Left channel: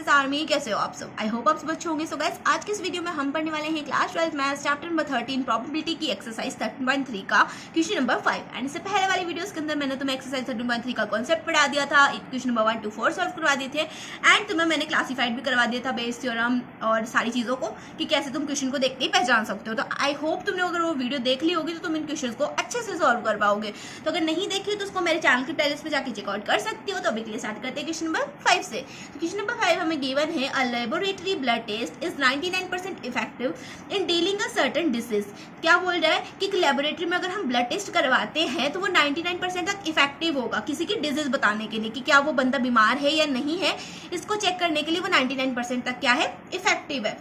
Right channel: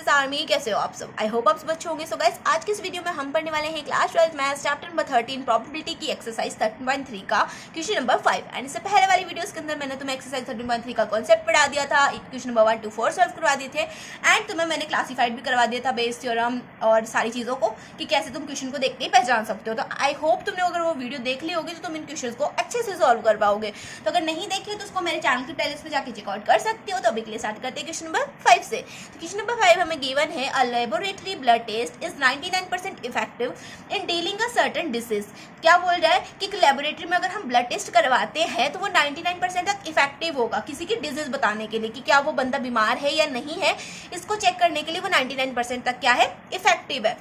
Mrs army, कैसे हो आप सब? आई होप आप सब अच्छे होंगे। सो गाइस, आज के इस वीडियो में हम पढ़ने वाले हैं class 12 maths chapter number 13 probability की एक्सरसाइज 13.3 का क्वेश्चन नंबर 5। एंड इससे पहले वाली वीडियोस के अंदर मैंने तुम्हें एक्सरसाइज 13.3 का कॉन्सेप्ट पढ़ा दिया था, क्वेश्चन नंबर 1 to 4 सॉल्व करवा दिए थे एंड तुम्हें मैंने क्लासिफाइड भी करवा दिया था बेस थ्योरम और सारी चीज़ों को कि कैसे तुम क्वेश्चन को देखते ही पहचान सकते हो। तो आई होप तुमने अगर वो वीडियो देख ली होगी तो तुम इन क्वेश्चन को अच्छे से सॉल्व कर पाओगे। तो अगर नहीं देखी हो तो उसको मेरे चैनल की प्लेलिस्ट पे जाके चेकआउट कर सकती हो। तो अभी के लिए स्टार्ट करते हैं क्वेश्चन नंबर 5 से। तो क्वेश्चन नंबर 5 हमें गिवन है a laboratory blood test is 99% effective in dealing a certain disease. क्या बोल रहा है कि लैबोरेटरी में अगर हम ब्लड टेस्ट करवाते हैं तो वो 99% तक इफेक्टिव होगा किसी की डिजीज बताने के लिए कि क्या वो बंदा बीमार है या नहीं है, इसको चेक करने के लिए वो 99% तक क्या है, इफेक्टिव है।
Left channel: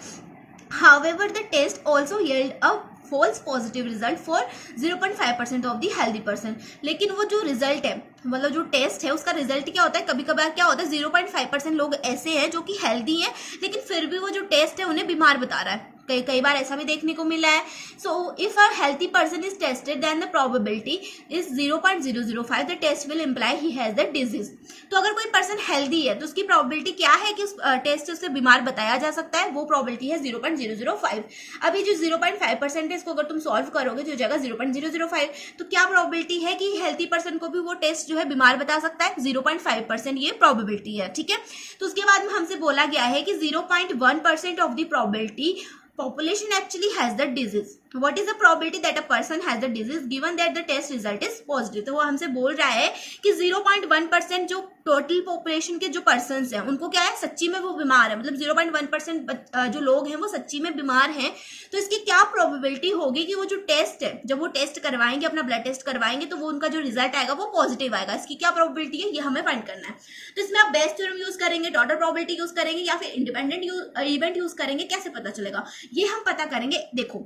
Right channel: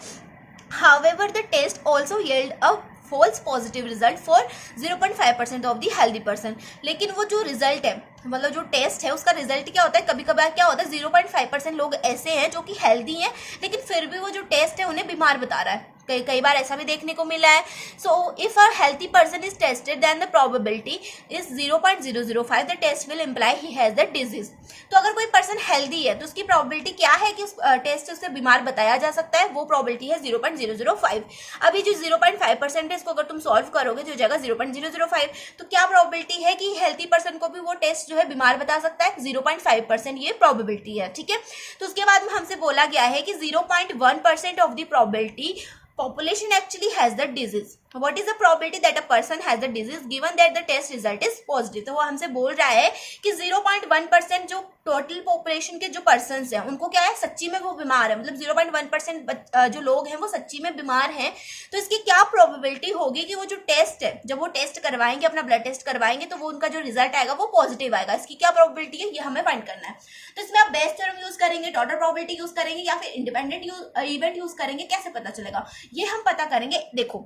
However, the test also yield a false positive result for 0.5% of the healthy person. लेकिन वो जो रिजल्ट है, मतलब जो टेस्ट है उसका रिजल्ट क्या होता है, कभी कभार क्या होता है 0.5% लोग ऐसे हैं जो कि हेल्दी हैं लेकिन फिर भी वो जो टेस्ट है उन्हें बीमार बता रहा है। कई बार ऐसा भी देखने को मिला है। So if a healthy person is tested then the probability is 0.005 the test will imply he has the disease. तो अगर कोई पर्सन हेल्दी है तो उसकी प्रोबेबिलिटी क्या है कि उस टेस्ट से उसे बीमार बताया जा सकता है, वो प्रोबेबिलिटी है 0.005। अभी जो 0.5% है इसको अगर तुम सॉल्व करोगे तो हो जाएगा 0.005। तो क्या प्रोबेबिलिटी है कि हेल्थी पर्सन को भी वो टेस्ट जो है बीमार बता सकता है? 0.5% ये प्रोबेबिलिटी है। ठीक है, तो उसके बाद में हमसे बोला गया है कि 0.1% of the probability population actually has the disease. What is the probability that a person has the disease given that the test result is positive? तो वो हमसे बोल रहा है कि 0.1% जो टोटल पॉपुलेशन के जो पर्सन्स हैं उनको क्या है, सच्ची में वो बीमार है, मतलब 0.1% जो लोग हैं वो सच्ची में बीमार हैं। तो इसकी क्या प्रोबेबिलिटी होगी कि वो जो टेस्ट है, जब वो टेस्ट करवाएंगे, अपना ब्लड टेस्ट करवाएंगे तो वो उनका जो रिजल्ट आएगा वो पॉजिटिव आएगा। इसकी क्या प्रोबेबिलिटी है ये हमें फाइंड करना है। तो इसमें आप बेस थ्योरम यूज करेंगे, टोटल प्रोबेबिलिटी यूज करेंगे या फिर इंडिपेंडेंट इवेंट यूज करेंगे, कैसे पता चलेगा ये हम पता करेंगे। देखो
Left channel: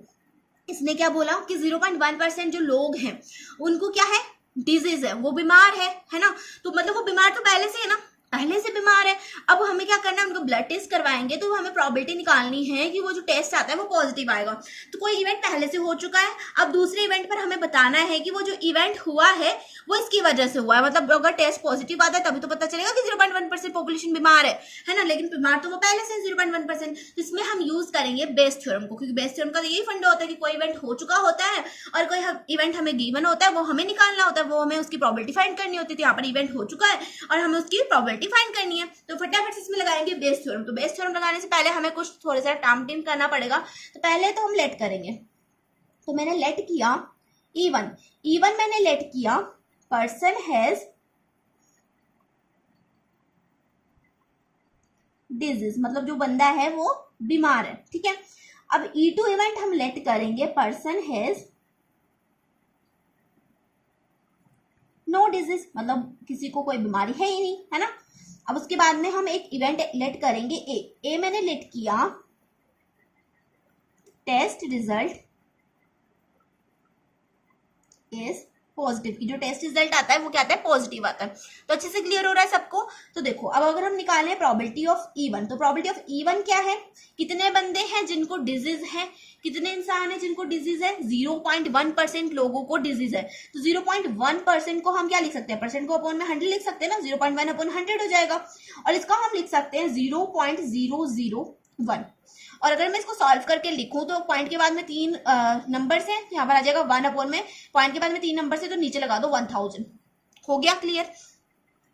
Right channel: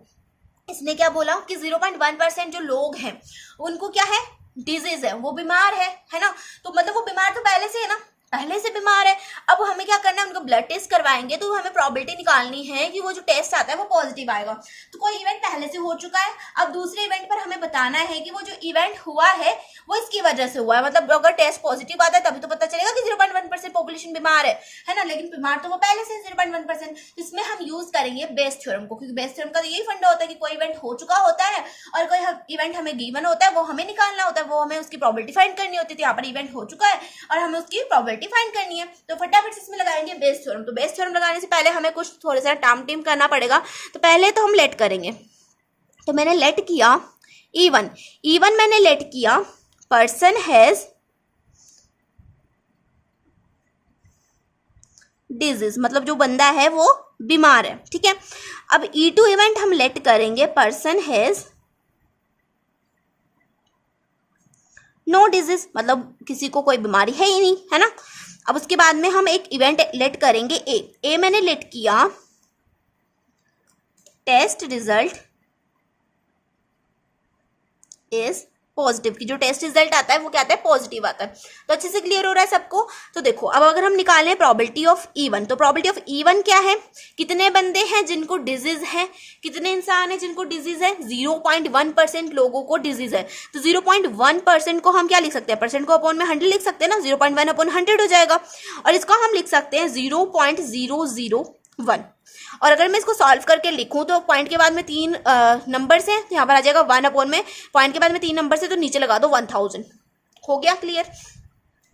इसने क्या बोला कि 0.1% जो लोग हैं उनको क्या है, डिजीज है, वो बीमार है ना। तो मतलब वो बीमार तो पहले से है ना, पहले से बीमार है। अब हमें क्या करना है, उनको ब्लड टेस्ट करवाएंगे तो हमें प्रोबेबिलिटी निकालनी है कि वो जो टेस्ट आता है वो पॉजिटिव आएगा। तो कोई इवेंट पहले से हो चुका है, अब दूसरे इवेंट पर हमें बताना है कि वो जो इवेंट हुआ है वो इसकी वजह से हुआ है। मतलब अगर टेस्ट पॉजिटिव आता है तभी तो पता चलेगा कि 0.1% पॉपुलेशन बीमार है ना, लेकिन बीमार तो वो पहले से 0.1%। इसमें हम यूज करेंगे बेस थ्योरम को, क्योंकि बेस थ्योरम का यही फंडा होता है कि कोई इवेंट हो चुका होता है और कोई इवेंट हमें गिवन होता है, वो हमें निकालना होता है, वो हमें उसकी प्रोबेबिलिटी फाइंड करनी होती है। यहाँ पर इवेंट हो चुका है और हमें उसकी प्रोबेबिलिटी फाइंड करनी है। तो फटाफट से इसमें लगाएंगे बेस थ्योरम। तो बेस थ्योरम लगाने से पहले हमें कुछ थोड़ा सा टाम टीम करना पड़ेगा। तो पहले तो हम लेट करेंगे। तो मैंने लेट किया E1 मैंने लेट किया पर्सन हैज डिजीज, मतलब जो बंदा है वो बीमार है। ठीक है, अब E2 इवेंट हम लेट करेंगे पर्सन हैज नो डिजीज, मतलब किसी को कोई बीमारी है ही नहीं, है ना। अब उसके बाद में हम एक इवेंट लेट करेंगे ए मैंने लेट किया टेस्ट रिजल्ट इज पॉजिटिव, की जो टेस्ट रिजल्ट आता है वो क्या आता है, पॉजिटिव आता है। तो अच्छे से क्लियर हो रहा है सबको। तो देखो अब अगर हम निकालें प्रोबेबिलिटी ऑफ E1, तो प्रोबेबिलिटी ऑफ E1 क्या है, कितने बंदे हैं जिनको डिजीज है, कितने इंसान हैं जिनको डिजीज है, 0.1% लोगों को डिजीज है। तो 0.1% को हम क्या लिख सकते हैं, परसेंट को अपॉन में 100 लिख सकते हैं ना, 0.1 अपॉन 100 हो जाएगा। और इसको हम लिख सकते हैं 0.001। और अगर मैं इसको सॉल्व करके लिखूं तो पॉइंट के बाद में 3 नंबर्स हैं, यहाँ पर आ जाएगा 1 अपॉन में पॉइंट के बाद में 3 नंबर से, तो नीचे लगा दो 1000। हो गया क्लियर।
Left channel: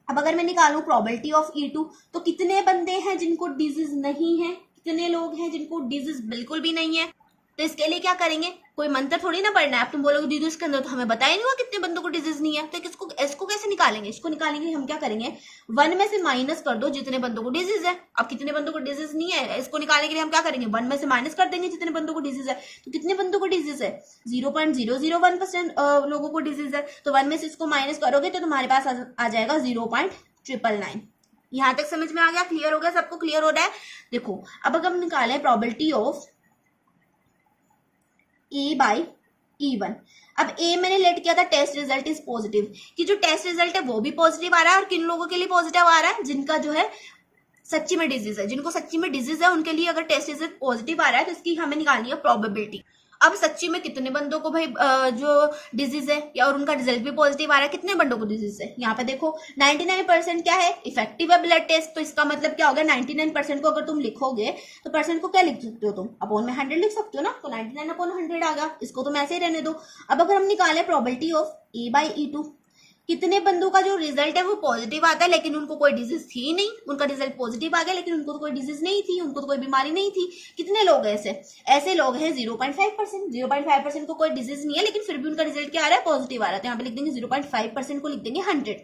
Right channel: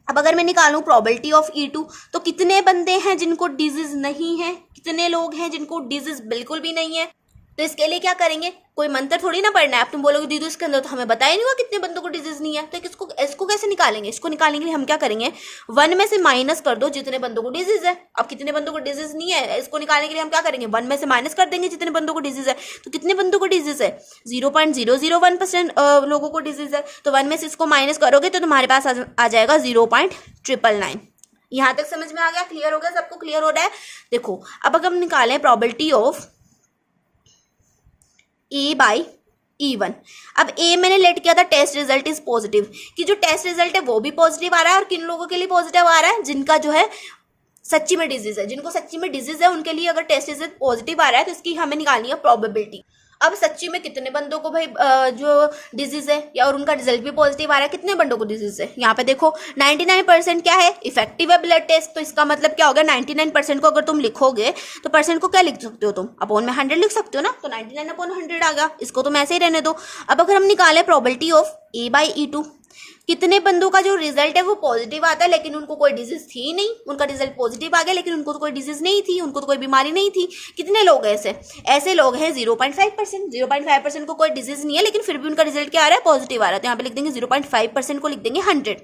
अब अगर मैं निकालूं प्रोबेबिलिटी ऑफ E2, तो कितने बंदे हैं जिनको डिजीज नहीं है, कितने लोग हैं जिनको डिजीज बिल्कुल भी नहीं है। तो इसके लिए क्या करेंगे, कोई मंत्र थोड़ी ना पढ़ना है। आप तुम बोलोगे दीदी उसके अंदर तो हमें बताया नहीं हुआ कितने बंदों को डिजीज नहीं है। तो इसको कैसे निकालेंगे, इसको निकालने के लिए हम क्या करेंगे, 1 में से माइनस कर दो जितने बंदों को डिजीज है। अब कितने बंदों को डिजीज नहीं है, इसको निकालने के लिए हम क्या करेंगे, 1 में से माइनस कर देंगे जितने बंदों को डिजीज है। तो कितने बंदों को डिजीज है, 0.001% लोगों को डिजीज है। तो 1 में से इसको माइनस करोगे तो तुम्हारे पास आ जाएगा 0.999। यहाँ तक समझ में आ गया, क्लियर हो गया, सबको क्लियर हो रहा है। देखो अब अगर हम निकालें probability of A by E1। अब A मैंने लेट किया था टेस्ट रिजल्ट इज पॉजिटिव, कि जो टेस्ट रिजल्ट है वो भी पॉजिटिव आ रहा है। और किन लोगों के लिए पॉजिटिव आ रहा है, जिनका जो है सच्ची में डिजीज है, जिनको सच्ची में डिजीज है उनके लिए अगर टेस्ट रिजल्ट पॉजिटिव आ रहा है तो इसकी हमें निकालनी है प्रोबेबिलिटी। अब सच्ची में कितने बंदों को भाई जो डिजीज है या और उनका रिजल्ट भी पॉजिटिव आ रहा है, कितने बंदों को डिजीज है? यहाँ पे देखो 99% क्या है, इफेक्टिव है ब्लड टेस्ट। तो इसका मतलब क्या होगा, 99% को अगर तुम लिखोगे तो परसेंट को क्या लिख सकते हो तुम, अपॉन में 100 लिख सकते हो ना। तो 99/100 आ गया, इसको तुम ऐसे ही रहने दो। अब अगर हम निकाले प्रोबेबिलिटी ऑफ A/E2, कितने बंदों का जो रिजल्ट है वो पॉजिटिव आता है लेकिन उनको कोई डिजीज थी नहीं, उनका रिजल्ट पॉजिटिव आ गया लेकिन उनको तो कोई डिजीज नहीं थी, उनको तो कोई बीमारी नहीं थी। कितने लोग हैं ऐसे लोग हैं 0.5%। 0.5% को कोई डिजीज नहीं है लेकिन फिर भी उनका रिजल्ट क्या आ रहा है, पॉजिटिव आ रहा है। तो यहाँ पे लिख देंगे 0.5% को लिख देंगे 100।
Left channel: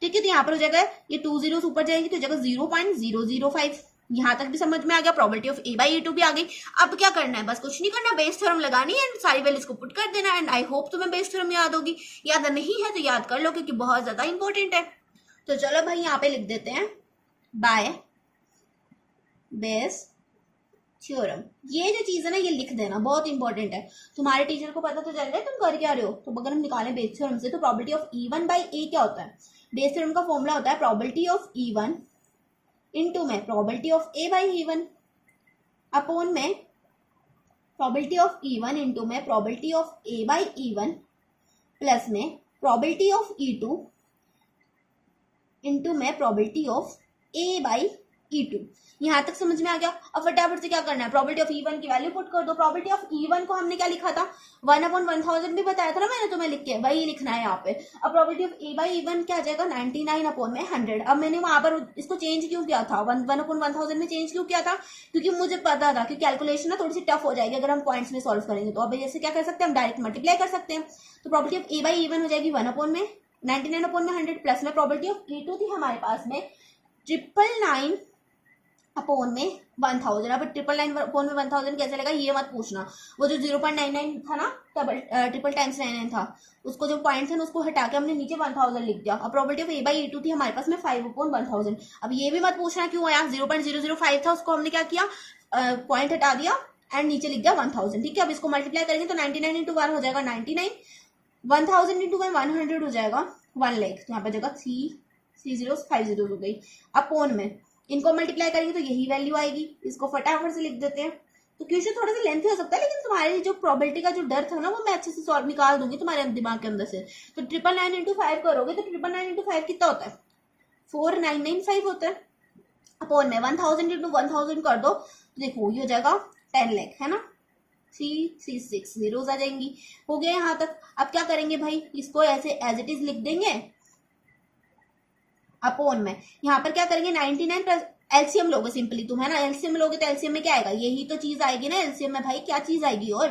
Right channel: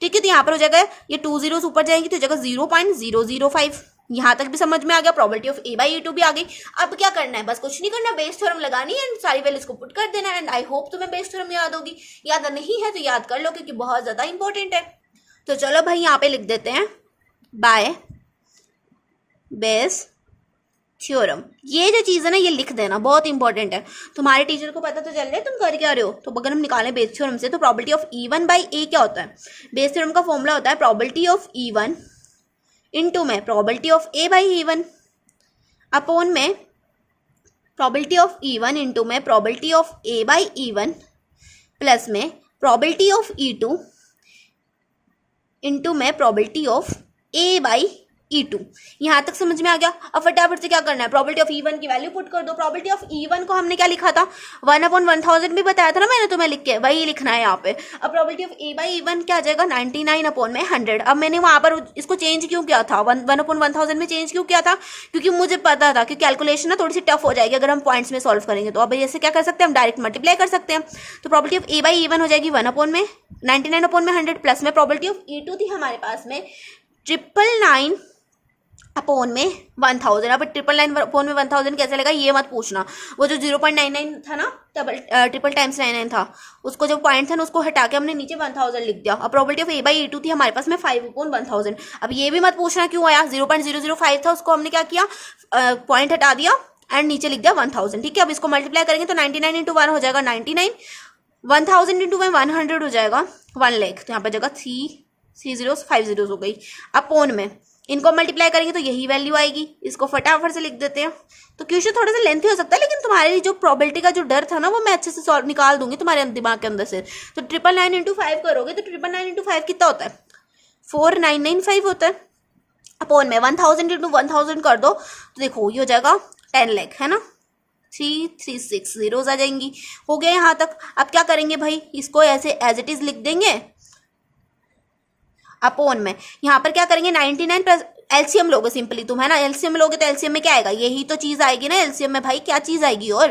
ठीक है, तो यहाँ पर हो जाएगा ये 2 zeros ऊपर जाएंगे तो जगह 0.005। यहाँ तक भी समझ में आ गया, प्रोबेबिलिटी ऑफ A/E2 भी आ गई। अब क्या करना है, बस कुछ नहीं करना, बेस थ्योरम लगानी है एंड सारी वैल्यूज को पुट कर देना। एंड आई होप तुम्हें बेस थ्योरम याद होगी, याद नहीं है तो याद कर लो क्योंकि बहुत ज्यादा इंपॉर्टेंट है। तो चलो भाई यहाँ पे लिख देते हैं बाय बेस थ्योरम। ये जो चीज है ना ये लिख देना, बहुत इंपॉर्टेंट है। तुम्हारे टीचर को पता तो चल रहा है तुम कर क्या रहे हो। तो अगर हम निकालें बेस थ्योरम से तो प्रोबेबिलिटी ऑफ E1/A क्या होता है, बेस थ्योरम का फॉर्मूला होता है प्रोबेबिलिटी ऑफ E1 इनटू में प्रोबेबिलिटी ऑफ A/E1 अपॉन में प्रोबेबिलिटी ऑफ E1 इनटू में प्रोबेबिलिटी ऑफ A/E1 प्लस में प्रोबेबिलिटी ऑफ E2 इनटू में प्रोबेबिलिटी ऑफ A/E2। यहां तक समझ में आ गया। अब फटाफट से क्या करना है, प्रोबेबिलिटी ऑफ E1 की वैल्यू पुट कर दो। प्रोबेबिलिटी ऑफ E1 को हमने क्या लिखा था, 1/1000 भी बताया था ना मैंने तुम्हें लिख के, वही लिखना है यहाँ पे। अब प्रोबेबिलिटी ऑफ A/E1 क्या आ जाएगा, 99/100। अब मैंने वहां पर इसको चेंज क्यों किया था, 1/1000 में चेंज क्यों किया था, क्योंकि मुझे पता था कि कैलकुलेशन ना थोड़ी सी टफ हो जाएगी अगर हम पॉइंट्स में सॉल्व करेंगे। तो अब ऐसे क्या कर सकते हैं, हम डायरेक्ट मल्टीप्लाई कर सकते हैं। तो प्रोबेबिलिटी ऑफ A/E1 हो जाएगी 1/99/100 प्लस में प्रोबेबिलिटी ऑफ E2 थी हमारे पास में 999 अपॉन में 1000। अब 999 अपॉन में 1000 कैसे लेगा ये मत पूछना, वो जो 0.99 था ना, ट्रिपल टाइम्स 99 था, उसको जो पॉइंट था ना उसको हटा के हमने नीचे 1000 लिख दिया। अब प्रोबेबिलिटी ऑफ A/E2 थी हमारे पास में 5/1000। अब ये भी मत पूछना क्यों आया, 0.005 था उसको हमने क्या किया, पॉइंट हटा दिया एंड नीचे लिख दिया 1000। ठीक है, अब इसको मल्टीप्लाई करेंगे तो 99 इंटू 1 हो जाएगा 99, 1000 इंटू 100 हो जाएगा 1 लाख। तो यहाँ पर जगह 3 zeros 5 zeros हो गई। अपॉन में इनको मल्टीप्लाई करेंगे तो यही वैल्यू आएगी, इसको फटाफट से लिख देते हैं। तो क्वेश्चन थोड़ा सा लेंथी हो सकता है लेकिन तुम्हारी जो प्रोबेबिलिटी का जो डर था ना वो मैं अच्छे से सॉल्व निकाल दूंगी तुम्हारे दिमाग के अंदर से। तो 999 इंटू 5 करोगे तो 999 इंटू 5 कितना होता है, 4995 होता है। अपॉन में 1000 इंटू 1000 कर दो तो देखो ये हो जाएगा 10 लाख, है ना, 336 zeros आ जाएंगी। हो गया यहाँ तक। अब क्या करेंगे भाई, इसको ऐसे एज इट इज लिख देंगे अपॉन में यहाँ पर क्या करेंगे 99 प्लस एलसीएम लोगे सिंपली तुम, है ना, एलसीएम लोगे तो एलसीएम में क्या आएगा, यही तो चीज आएगी ना एलसीएम में भाई, क्या चीज आएगी और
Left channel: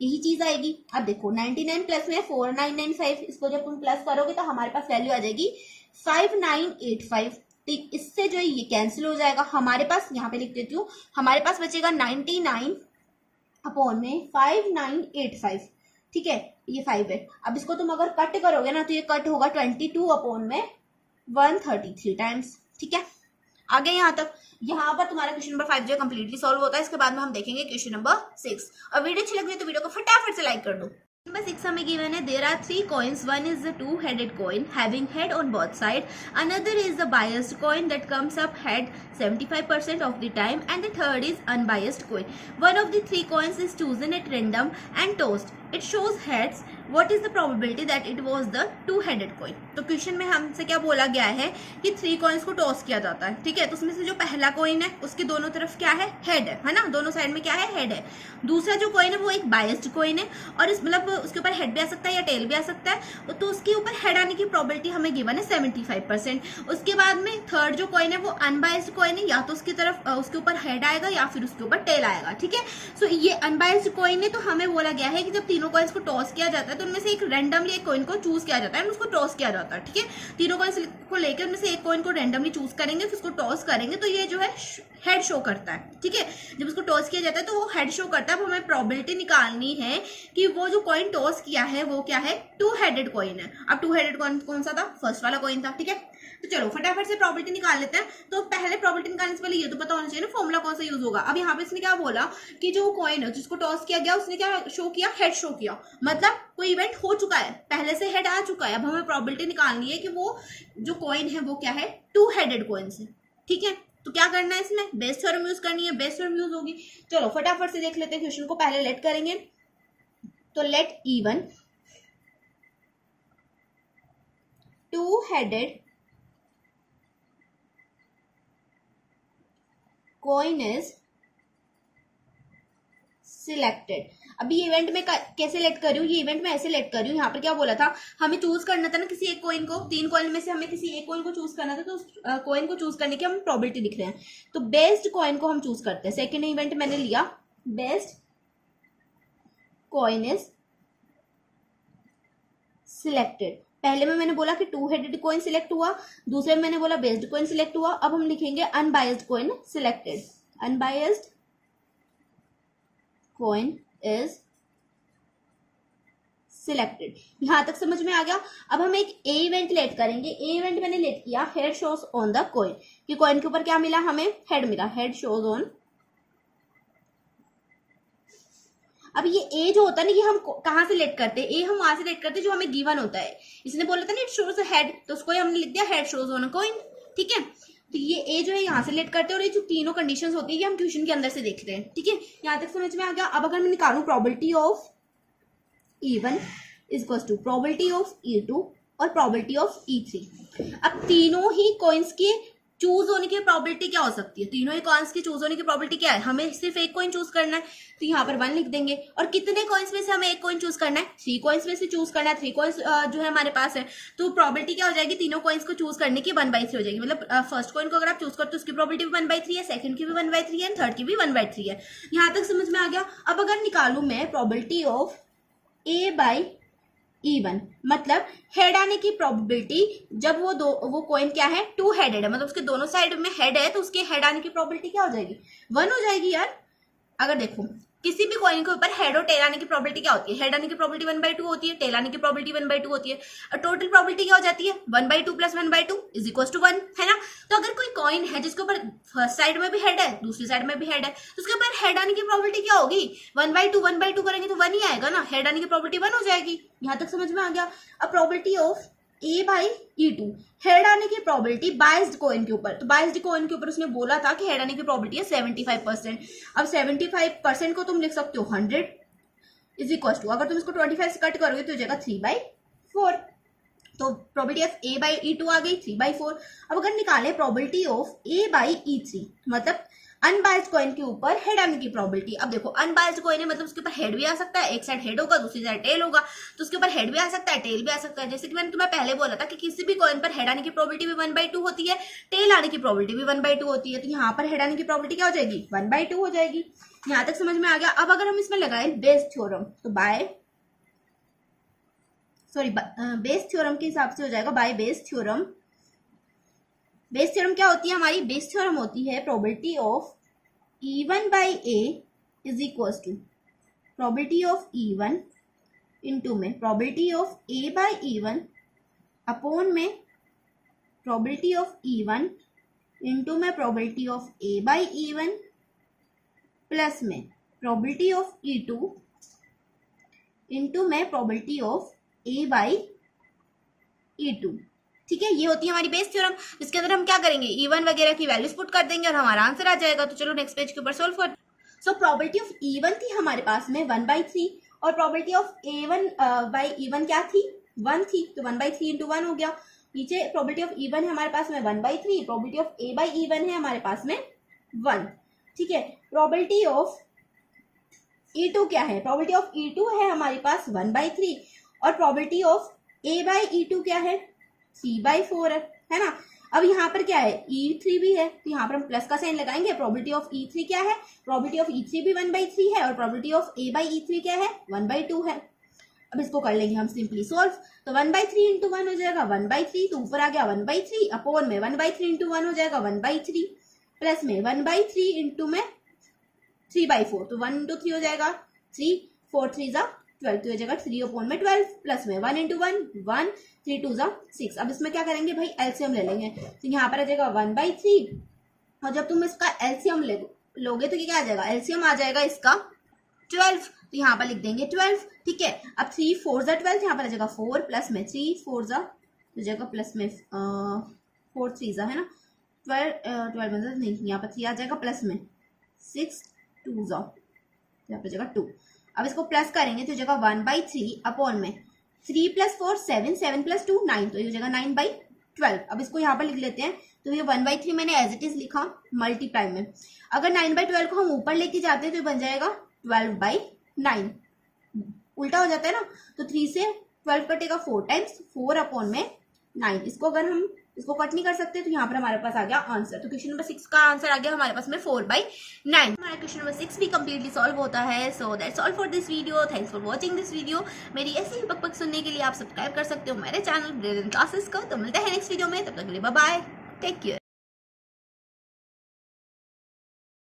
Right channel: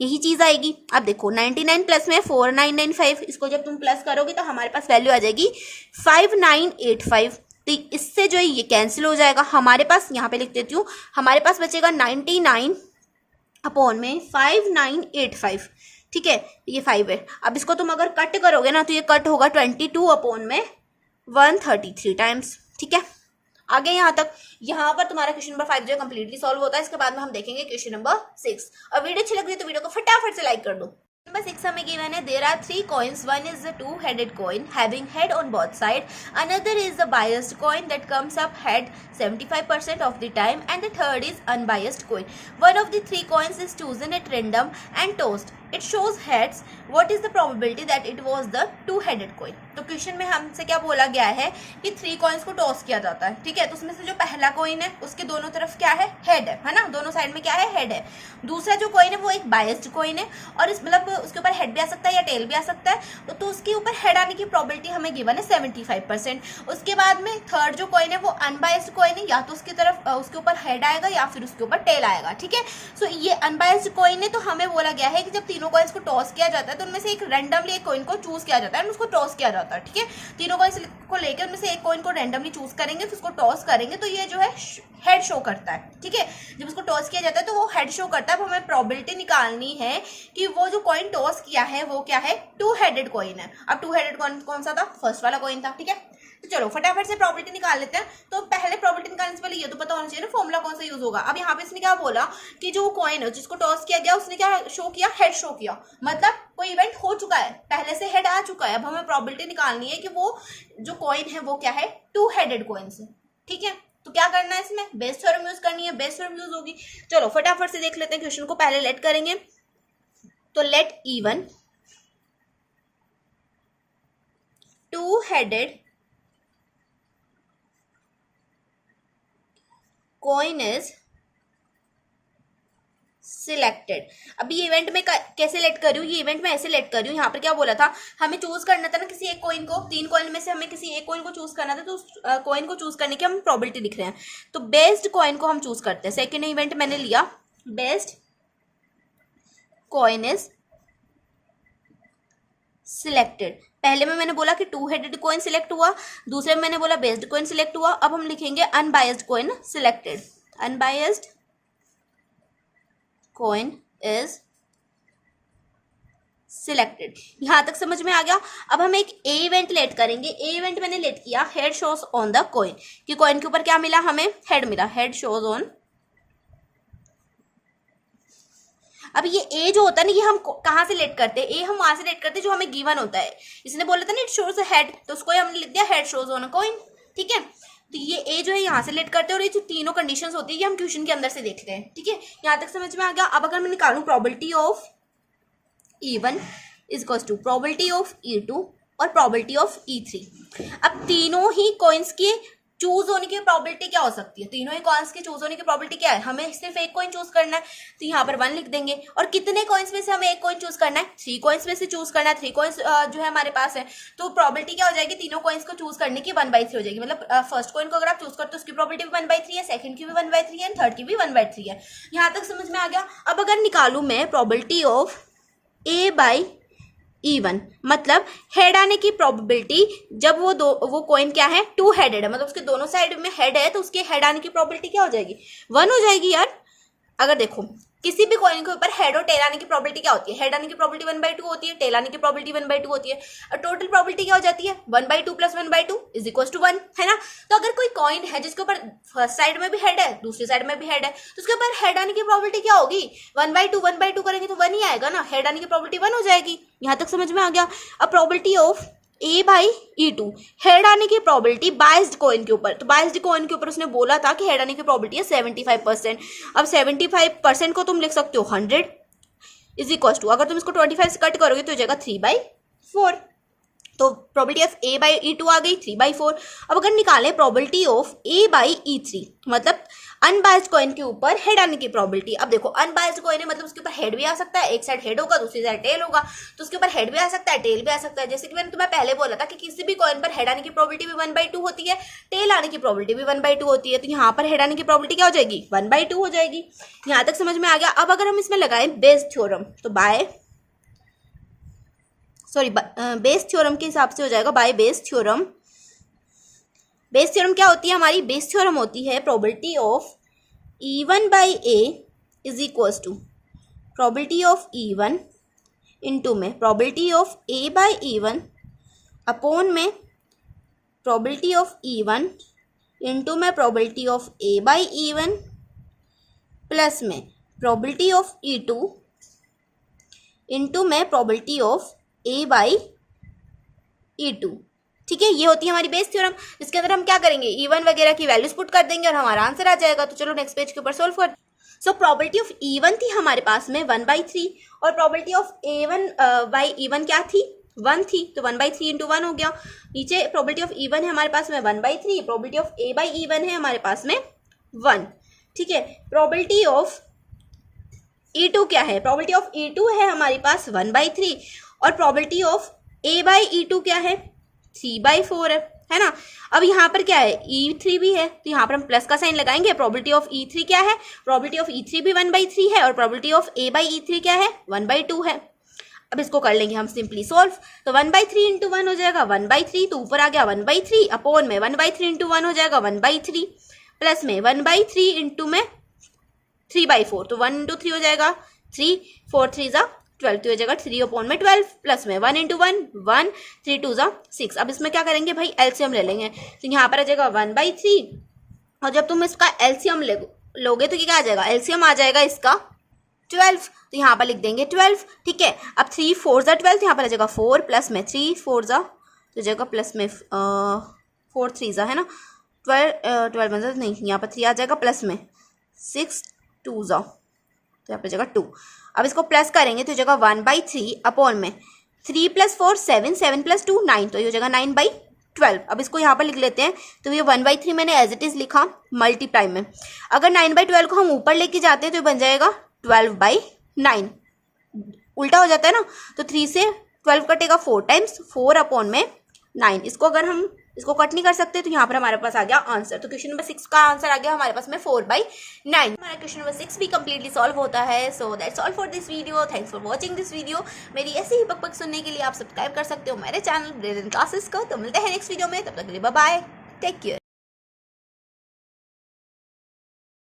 यही चीज आएगी। अब देखो 99 प्लस में 4995, इसको जब तुम प्लस करोगे तो हमारे पास वैल्यू आ जाएगी 5985। तो इससे जो है ये कैंसिल हो जाएगा, हमारे पास यहाँ पे लिख देती हूँ, हमारे पास बचेगा 99 अपॉन में 5985। ठीक है, ये 5 है। अब इसको तुम अगर कट करोगे ना तो ये कट होगा 22 अपॉन में 133 टाइम्स। ठीक है, आगे यहाँ तक। यहाँ पर तुम्हारा क्वेश्चन नंबर 5 जो कंप्लीटली सॉल्व होता है। इसके बाद में हम देखेंगे क्वेश्चन नंबर 6। और वीडियो अच्छी लग रही है तो वीडियो को फटाफट से लाइक कर दो। नंबर 6 हमें गिवन है, there are 3 coins, one is the two-headed coin having head on both sides, another is the biased coin that comes up head 75% of the time, and the third is unbiased coin. One of the 3 coins is chosen at random and tossed. It shows heads. What is the probability that it was the two-headed coin? तो question में हमसे क्या बोला गया है कि 3 coins को toss किया जाता है। ठीक है, तो उसमें से जो पहला कॉइन है उसके दोनों तरफ क्या है, हेड है ना, दोनों साइड में क्या है, हेड है। दूसरा जो कॉइन है वो एक बायस्ड कॉइन है और इस मतलब उसके ऊपर हेड भी आ सकता है या टेल भी आ सकता है। तो उसके ऊपर हेड आने की प्रोबेबिलिटी हमें गिवन है 75%। उसके बाद में थर्ड जो कॉइन है वो अनबायस्ड कॉइन है, या तो उसकी तरफ उसके ऊपर हेड आएगा या फिर उसके ऊपर टेल आएगा। ठीक है, सो ये अनबायस्ड कॉइन है। तो हमें बोला गया है कि जब तीनों कॉइन्स को टॉस किया जाता है तो उनमें से एक रैंडमली एक कॉइन को चूज किया जाता है, उसको टॉस किया जाता है। ठीक है, तीनों कॉइन्स को लेकर उनमें से एक कॉइन को रैंडमली चूज करेंगे, फिर उसको टॉस करेंगे तो ये जो है हेड शो करता है। ठीक है, जब उसको टॉस किया जाता है तो वो हेड शो करता है। अब हमें प्रोबेबिलिटी निकालनी है कि वो जो कॉइन टॉस किया है वो क्या है, टू हेडेड कॉइन है। अब टू हेडेड कॉइन कौन सा था, फर्स्ट वाला कॉइन था। ठीक है, तो चलो फटाफट से प्रोबेबिलिटी निकाल लेते हैं। तो पहले प्रोबेबिलिटी निकालने से पहले ये तो पता होना चाहिए ना फॉर्मूला कौन सा यूज होगा। अब यहाँ पे इसने क्या बोला कि जो कॉइन है जिसको टॉस किया गया उसने क्या शो किया, हेड शो किया, मतलब कोई इवेंट हो चुका है, पहले से हेड आ चुका है। अब हमें प्रोबेबिलिटी निकालनी है कि वो जो कॉइन है वो क्या है, टू हेडेड कॉइन है। ठीक है, तो क्या करना है, इसमें बेस थ्योरम यूज करनी है, बेस थ्योरम यूज होगी। चलो फटाफट से देख लेते हैं क्वेश्चन को, पहले लेट करेंगे तो let E one two headed coin is selected. अभी ये इवेंट में कैसे लेट कर रही हूँ, ये इवेंट में ऐसे लेट कर रही हूँ। यहाँ पर क्या बोला था, हमें चूज करना था ना किसी एक कॉइन को, 3 कॉइन में से हमें किसी एक कॉइन को चूज करना था, तो उस कॉइन को चूज करने की हम प्रोबेबिलिटी लिख रहे हैं। तो बेस्ट कॉइन को हम चूज करते हैं। सेकेंड इवेंट मैंने लिया बेस्ट कॉइन इज सिलेक्टेड। पहले में मैंने बोला कि 2 हेडेड कॉइन सिलेक्ट हुआ, दूसरे में मैंने बोला बेस्ड कॉइन सिलेक्ट हुआ। अब हम लिखेंगे unbiased coin selected. Unbiased coin is selected. यहां तक समझ में आ गया। अब हम एक ए इवेंट लेट करेंगे। ए इवेंट मैंने लेट किया head shows on the coin, कि कॉइन के ऊपर क्या मिला, हमें हेड मिला, हेड शोज ऑन। अब ये ए जो होता है ना, ये हम कहां से लेट करते हैं, ए हम वहां से लेट करते हैं जो हमें गिवन होता है। इसने बोला था ना इट शोज अ हेड, तो उसको हमने लिख दिया head shows on a coin. ठीक है, तो ये ए जो है यहाँ से लेट करते हैं, और ये जो तीनों कंडीशंस होती है ये हम क्वेश्चन के अंदर से देख रहे हैं। ठीक है, यहाँ तक समझ में आ गया। अब अगर मैं निकालूं probability of E1 is equals to probability of E2 और प्रोबेबिलिटी ऑफ E3। अब तीनों ही कॉइन्स के चूज होने की प्रोबेबिलिटी क्या हो सकती है, तीनों ही कॉइन्स के चूज होने की प्रोबेबिलिटी क्या है, हमें सिर्फ एक कॉइन चूज करना है, तो यहाँ पर 1 लिख देंगे। और कितने कॉइन्स में से हमें एक कॉइन चूज करना है, 3 कॉइन्स में से चूज करना है। 3 कॉइन्स जो है हमारे पास है, तो प्रोबेबिलिटी क्या हो जाएगी, तीनों कॉइन्स को चूज करने की 1/3 हो जाएगी। मतलब फर्स्ट कॉइन को अगर आप चूज करते हो उसकी प्रोबेबिलिटी भी 1/3 है, सेकंड की भी 1/3 है, थर्ड की भी 1/3 है। यहाँ तक समझ में आ गया। अब अगर निकालू मैं प्रोबेबिलिटी ऑफ A/E1, मतलब हेड आने की प्रोबेबिलिटी, जब वो कॉइन क्या है, 2 हेडेड है, मतलब उसके दोनों साइड में हेड है, तो उसके हेड आने की प्रोबेबिलिटी क्या हो जाएगी, 1 हो जाएगी यार। अगर देखो किसी भी कॉइन के ऊपर हेड और टेल आने की प्रोबेबिलिटी क्या होती है, हेड आने की प्रोबेबिलिटी 1/2 होती है, टेल आने की प्रोबेबिलिटी 1/2 होती है, और टोटल प्रोबेबिलिटी क्या हो जाती है, 1/2 + 1/2 इज इक्वल टू 1, है ना। तो अगर कोई कॉइन है जिसके ऊपर फर्स्ट साइड में भी हेड है, दूसरी साइड में भी हेड है, तो उसके ऊपर हेड आने की प्रोबेबिलिटी क्या होगी, 1/2 करेंगे तो 1 ही आएगा ना, हेड आने की प्रोबेबिलिटी 1 हो जाएगी। यहाँ तक समझ में आ गया। अब प्रोबेबिलिटी ऑफ A/E2, हेड आने की प्रोबेबिलिटी बायस्ड कॉइन के ऊपर, तो बायस्ड कॉइन के ऊपर उसने बोला था कि हेड आने की प्रोबेबिलिटी है 75%। अब 75% को तुम लिख सकते हो 100 इज इक्वल टू, अगर तुम इसको 25 से कट करोगे तो हो जाएगा 3/4। तो प्रोबेबिलिटी ऑफ A/E2 आ गई 3/4। अब अगर निकाले प्रोबेबिलिटी ऑफ A/E3, मतलब अनबायस्ड कॉइन के ऊपर हेड आने की प्रोबेबिलिटी। अब देखो अनबायस्ड कॉइन है, मतलब उसके ऊपर हेड भी आ सकता है, एक साइड हेड होगा दूसरी साइड टेल होगा, तो उसके ऊपर हेड भी आ सकता है टेल भी आ सकता है। जैसे कि मैंने तुम्हें पहले बोला था कि किसी भी कॉइन पर हेड आने की प्रोबेबिलिटी भी 1/2 होती है, टेल आने की प्रोबेबिलिटी भी 1/2 होती है, तो यहाँ पर हेड आने की प्रोबेबिलिटी क्या हो जाएगी, 1/2 हो जाएगी। यहाँ तक समझ में आ गया। अब अगर हम इसमें लगाए बेस थ्योरम, तो बेस थ्योरम के हिसाब से हो जाएगा by Bayes theorem. Bayes theorem क्या होती है हमारी, बेस थ्योरम होती है probability of E1/A is equal to probability of E1 into में प्रोबेबिलिटी ऑफ A/E1 अपॉन में प्रोबेबिलिटी ऑफ E1 इंटू में प्रोबेबिलिटी ऑफ A/E1 प्लस में प्रोबेबिलिटी ऑफ E2 इंटू में प्रोबेबिलिटी ऑफ A/E2। ठीक है, ये होती है हमारी बेस थ्योरम, जिसके अंदर हम क्या करेंगे, E1 वगैरह की वैल्यूज पुट कर देंगे और हमारा आंसर आ जाएगा। तो चलो नेक्स्ट पेज के ऊपर सोल्व कर। सो प्रोबेबिलिटी ऑफ E1 थी हमारे पास में 1/3, और प्रोबेबिलिटी ऑफ A1/E1 क्या थी, 1 थी, तो 1/3 इंटू 1 हो गया। नीचे प्रोबेबिलिटी ऑफ E1 है हमारे पास में 1/3, प्रोबेबिलिटी ऑफ A/E1 है हमारे पास में 1। ठीक है, प्रोबेबिलिटी ऑफ E2 क्या है, प्रोबेबिलिटी ऑफ E2 है हमारे पास 1/3, और प्रोबेबिलिटी ऑफ A/E2 क्या है, 3/4 है ना। अब यहाँ पर क्या है, E3 भी है, तो यहाँ पर हम प्लस का साइन लगाएंगे। प्रोबेबिलिटी ऑफ E3 क्या है, प्रोबेबिलिटी ऑफ E3 भी 1/3 है, और प्रोबेबिलिटी ऑफ A/E3 क्या है, 1/2 है। अब इसको कर लेंगे हम सिंपली सॉल्व, तो 1/3 इंटू 1 हो जाएगा 1/3, तो ऊपर आ गया 1/3 अपॉन में 1/3 इंटू 1 हो जाएगा 1/3, प्लस में 1/3 इंटू में 3/4, तो 1 इंटू 3 हो जाएगा 3, 4 3 ज़ा 12, तो हो जाएगा 3 अपॉन में 12, प्लस में 1 इंटू 1 1, 3 2 ज़ा 6। अब इसमें क्या करेंगे भाई, एलसीएम ले लेंगे, तो यहाँ पर आ जाएगा 1/3, और जब तुम इसका एलसीएम लोगे तो क्या आ जाएगा, एलसीएम आ जाएगा इसका 12, तो यहाँ पर लिख देंगे 12। ठीक है, अब 3 4 ज़ा 12, तो यहाँ पर आ जाएगा 4, प्लस में 3 4 ज़ा, तो जाएगा प्लस में 4 3 ज़ा, है ना, 12 नहीं, यहाँ पर 3 आ जाएगा, प्लस में 6 2 ज़ा, तो यहाँ पर जाएगा 2। अब इसको प्लस करेंगे तो हो जाएगा 1/3 अपॉन में 3 + 4 7, 7 + 2 9, तो ये हो जाएगा 9/12। अब इसको यहाँ पर लिख लेते हैं, तो ये 1/3 मैंने एज इट इज लिखा मल्टीप्लाई में। अगर 9/12 को हम ऊपर लेके जाते हैं तो ये बन जाएगा 12/9, उल्टा हो जाता है ना, तो 3 से 12 कटेगा 4 टाइम्स, 4 अपॉन में 9। इसको अगर हम इसको कट नहीं कर सकते तो यहाँ पर हमारे पास आ गया आंसर। तो क्वेश्चन नंबर 6 का आंसर आ गया हमारे पास में 4/9। हमारा क्वेश्चन नंबर 6 भी कंप्लीटली सॉल्व होता है। So that's all for this video. Thanks for watching this video. मेरी ऐसी ही पक सुनने के लिए आप सब्सक्राइब कर सकते हो मेरे चैनल ब्रिलियंट क्लासेस को। तो मिलते हैं नेक्स्ट वीडियो में, तब तक के लिए बाय बाय, टेक केयर।